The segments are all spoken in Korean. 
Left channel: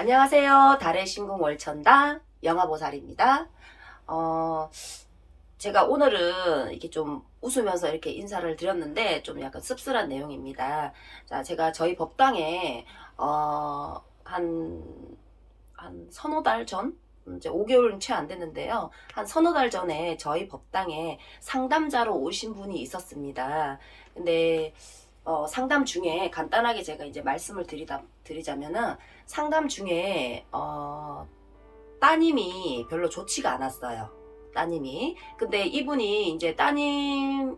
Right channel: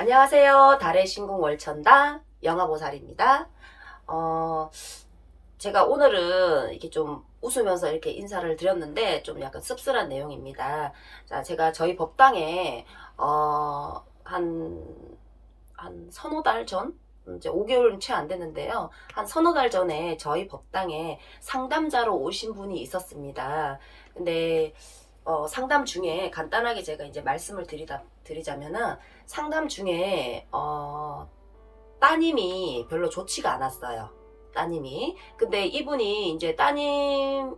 안녕하세요. 달의 신궁 월천다 영화보살입니다. 제가 오늘은 이렇게 좀 웃으면서 이렇게 인사를 드렸는데 좀 약간 씁쓸한 내용입니다. 자, 제가 저희 법당에 한 서너 달 전? 이제 5개월은 채 안 됐는데요. 한 서너 달 전에 저희 법당에 상담자로 오신 분이 있었습니다. 근데 상담 중에 간단하게 제가 이제 말씀을 드리자면은 상담 중에 따님이 별로 좋지가 않았어요. 따님이. 근데 이분이 이제 따님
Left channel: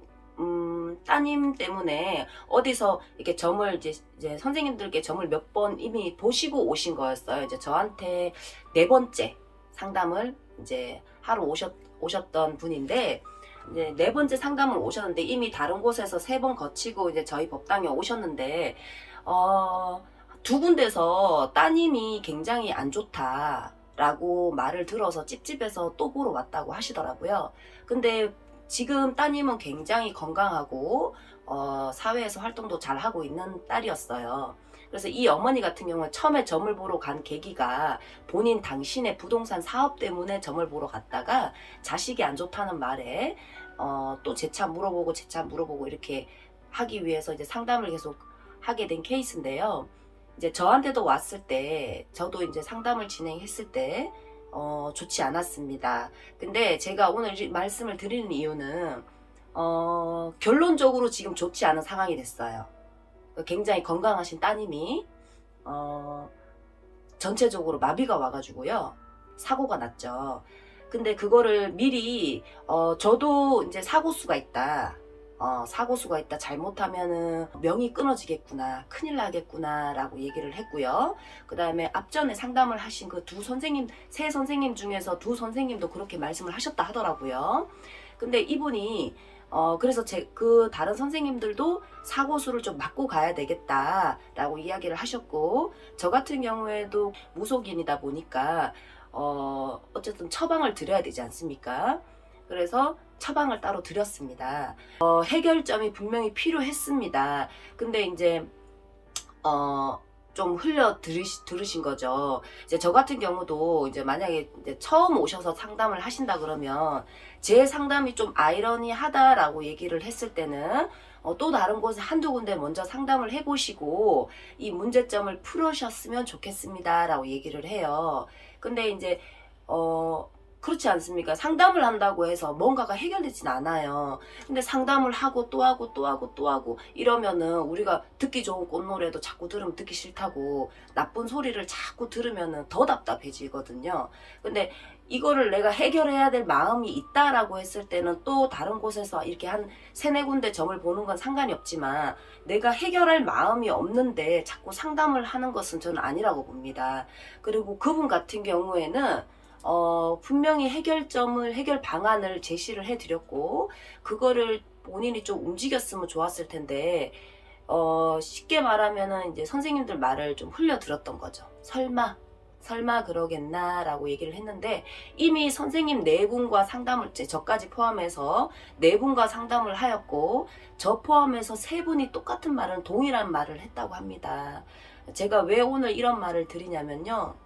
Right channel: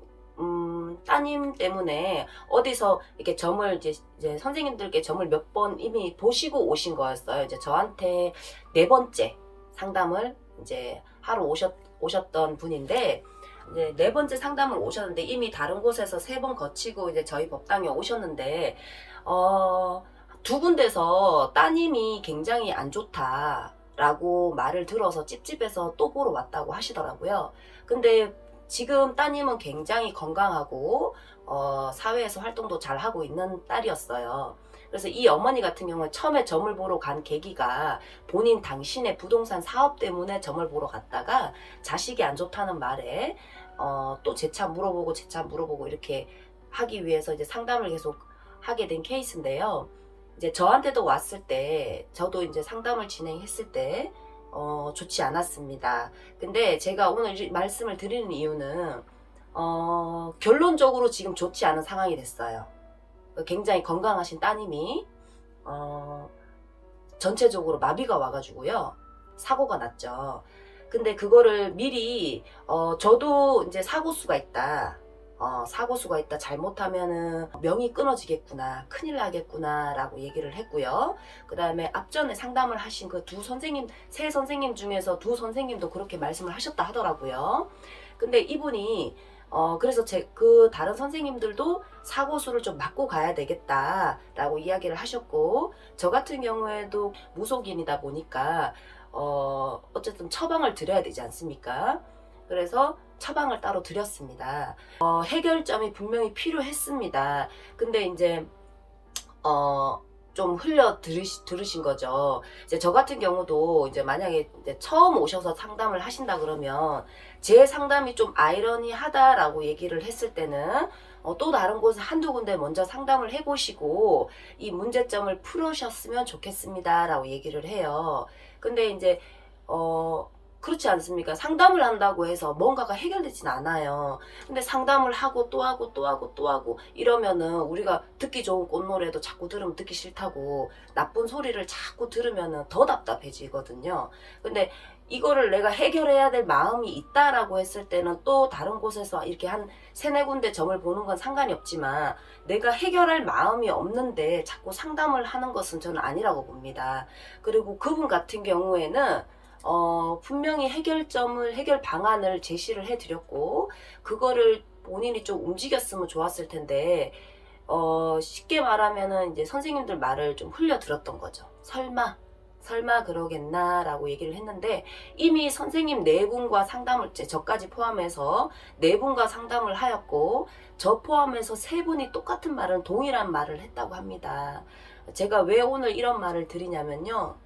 때문에 어디서 이렇게 점을 이제 선생님들께 점을 몇 번 이미 보시고 오신 거였어요. 이제 저한테 네 번째 상담을 이제 하러 오셨던 분인데, 이제 네 번째 상담을 오셨는데 이미 다른 곳에서 세 번 거치고 이제 저희 법당에 오셨는데, 두 군데서 따님이 굉장히 안 좋다라고 말을 들어서 찝찝해서 또 보러 왔다고 하시더라고요. 근데 지금 따님은 굉장히 건강하고 사회에서 활동도 잘 하고 있는 딸이었어요. 그래서 이 어머니 같은 경우는 처음에 점을 보러 간 계기가 본인 당신의 부동산 사업 때문에 점을 보러 갔다가 자식이 안 좋다는 말에 또 재차 물어보고 이렇게 하기 위해서 이제 상담을 계속 하게 된 케이스인데요. 이제 저한테도 왔을 때, 저도 이제 상담을 진행했을 때, 좋지 않았습니다. 근데 제가 오늘 말씀을 드리는 이유는, 결론적으로 지금 좋지 않은 상황이 됐어요. 굉장히 건강하신 따님이, 전체적으로 마비가 와가지고요. 사고가 났죠. 근데 그거를 미리, 저도 이제 사고수가 있다. 사고수가 있다. 잘못하면은 명이 끊어지겠구나. 큰일 나겠구나. 라고 얘기를 했고요. 그 다음에 앞전에 상담을 하신 그 세 선생님 중에서 두 선생님도 그렇게 말씀을 하셨다 하더라고요. 근데 이분이, 그래서 그 다른 선생님들도 사고수를 좀 막고 가야 되겠다라고 이야기를 하셨고, 저 같은 경우에도 무속인이다 보니까, 어쨌든 처방을 드려야 되지 않습니까? 그래서 처방을 따로 드렸습니다. 해결점이 분명히 필요했습니다. 근데 이제 좀 들으신 거죠. 이제 저 같은 경우도 이제 만약에 이제 처음 오셔서 상담을 하신다 그러면 제 상담이 좀 아이러니하다라고 얘기를 했을 때는 또 다른 곳에 한두 군데 먼저 상담을 해보시고 이 문제점을 풀으셨으면 좋겠습니다라고 얘기를 해요. 근데 이제 그렇지 않습니까? 상담을 한다고 해서 뭔가가 해결되진 않아요. 근데 상담을 하고 또 하고 또 하고 또 하고 이러면은 우리가 듣기 좋은 꽃노래도 자꾸 들으면 듣기 싫다고 나쁜 소리를 자꾸 들으면은 더 답답해지거든요. 근데 이거를 내가 해결해야 될 마음이 있다라고 했을 때는 또 다른 곳에서 이렇게 한 세네 군데 점을 보는 건 상관이 없지만 내가 해결할 마음이 없는데 자꾸 상담을 하는 것은 저는 아니라고 봅니다. 그리고 그분 같은 경우에는 분명히 해결 방안을 제시를 해드렸고, 그거를 본인이 좀 움직였으면 좋았을 텐데, 쉽게 말하면은 이제 선생님들 말을 좀 흘려 들었던 거죠. 설마 그러겠나 라고 얘기를 했는데, 이미 선생님 네 분과 상담을, 저까지 포함해서 네 분과 상담을 하였고, 저 포함해서 세 분이 똑같은 말은 동일한 말을 했다고 합니다. 제가 왜 오늘 이런 말을 드리냐면요.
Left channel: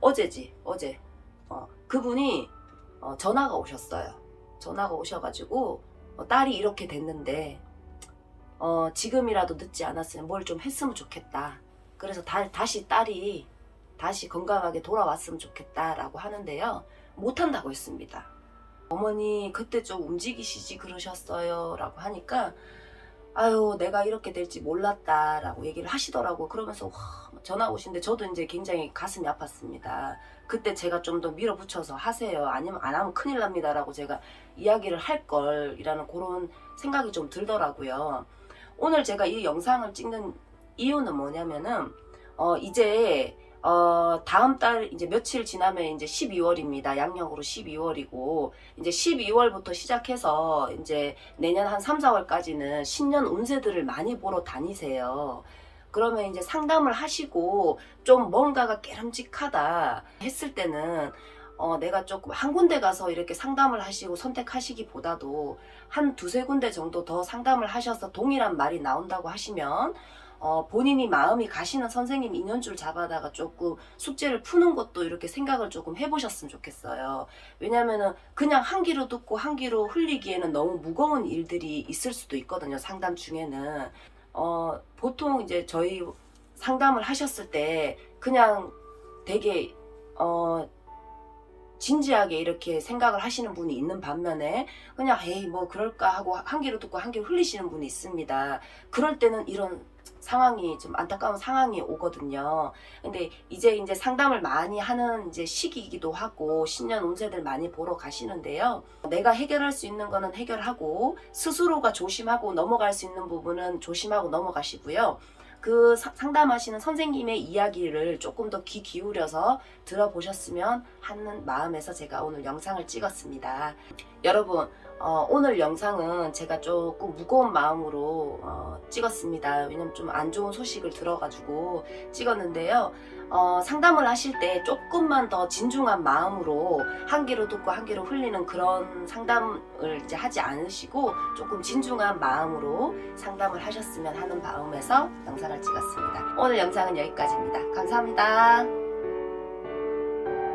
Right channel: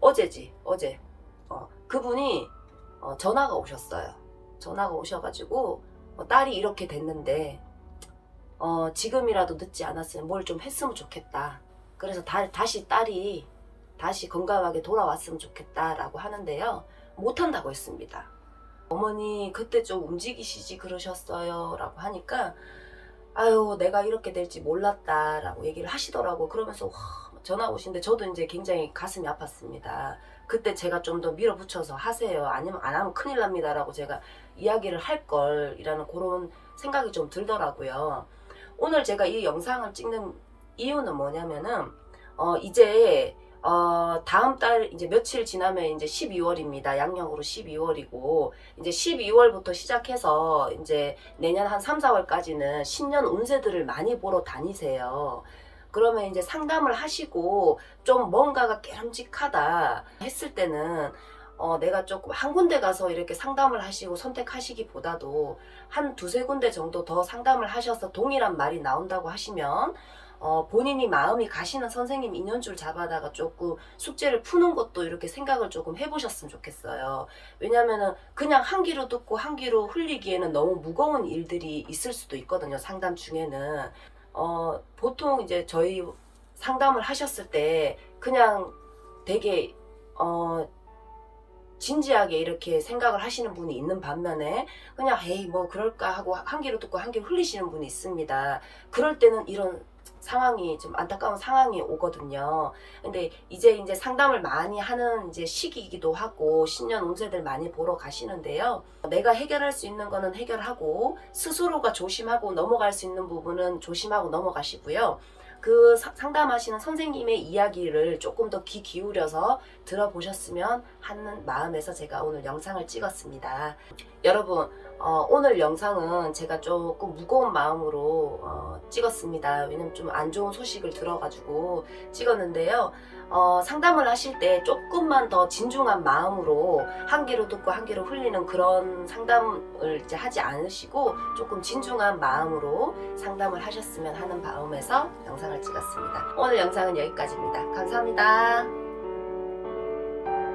어제 그분이 전화가 오셨어요. 전화가 오셔가지고 딸이 이렇게 됐는데 지금이라도 늦지 않았으면 뭘 좀 했으면 좋겠다. 그래서 다시 딸이 다시 건강하게 돌아왔으면 좋겠다라고 하는데요. 못한다고 했습니다. 어머니 그때 좀 움직이시지 그러셨어요 라고 하니까, 아유 내가 이렇게 될지 몰랐다 라고 얘기를 하시더라고. 그러면서 전화 오신데 저도 이제 굉장히 가슴이 아팠습니다. 그때 제가 좀 더 밀어붙여서 하세요, 아니면 안 하면 큰일 납니다 라고 제가 이야기를 할 걸이라는 그런 생각이 좀 들더라고요. 오늘 제가 이 영상을 찍는 이유는 뭐냐면은 이제 다음 달 이제 며칠 지나면 이제 12월입니다. 양력으로 12월이고, 이제 12월부터 시작해서 이제 내년 한 3, 4월까지는 신년 운세들을 많이 보러 다니세요. 그러면 이제 상담을 하시고 좀 뭔가가 깨름직하다 했을 때는 내가 조금 한 군데 가서 이렇게 상담을 하시고 선택하시기보다도 한 두세 군데 정도 더 상담을 하셔서 동일한 말이 나온다고 하시면 본인이 마음이 가시는 선생님 인연줄 잡아다가 조금 숙제를 푸는 것도 이렇게 생각을 조금 해보셨으면 좋겠어요. 왜냐면은 그냥 한 귀로 듣고 한 귀로 흘리기에는 너무 무거운 일들이 있을 수도 있거든요. 상담 중에는. 보통 이제 저희 상담을 하셨을 때 그냥 되게, 진지하게 이렇게 생각을 하시는 분이 있는 반면에 그냥 에이 뭐 그럴까 하고 한 귀로 듣고 한 귀로 흘리시는 분이 있습니다. 그럴 때는 이런 상황이 좀 안타까운 상황이 오거든요. 근데 이제 상담을 많이 하는 이제 시기이기도 하고 신년 운세들 많이 보러 가시는데요. 내가 해결할 수 있는 거는 해결하고 스스로가 조심하고 넘어갈 수 있는 부분은 조심하고 넘어가시고요. 그 상담하시는 선생님의 이야기를 조금 더 귀 기울여서 들어보셨으면 하는 마음에서 제가 오늘 영상을 찍었습니다. 여러분, 오늘 영상은 제가 조금 무거운 마음으로 찍었습니다. 왜냐면 좀 안 좋은 소식을 들어가지고 찍었는데요. 상담을 하실 때 조금만 더 진중한 마음으로 한 귀로 듣고 한 귀로 흘리는 그런 상담을 이제 하지 않으시고 조금 진중한 마음으로 상담을 하셨으면 하는 마음에서 영상을 찍었습니다. 오늘 영상은 여기까지입니다. 감사합니다.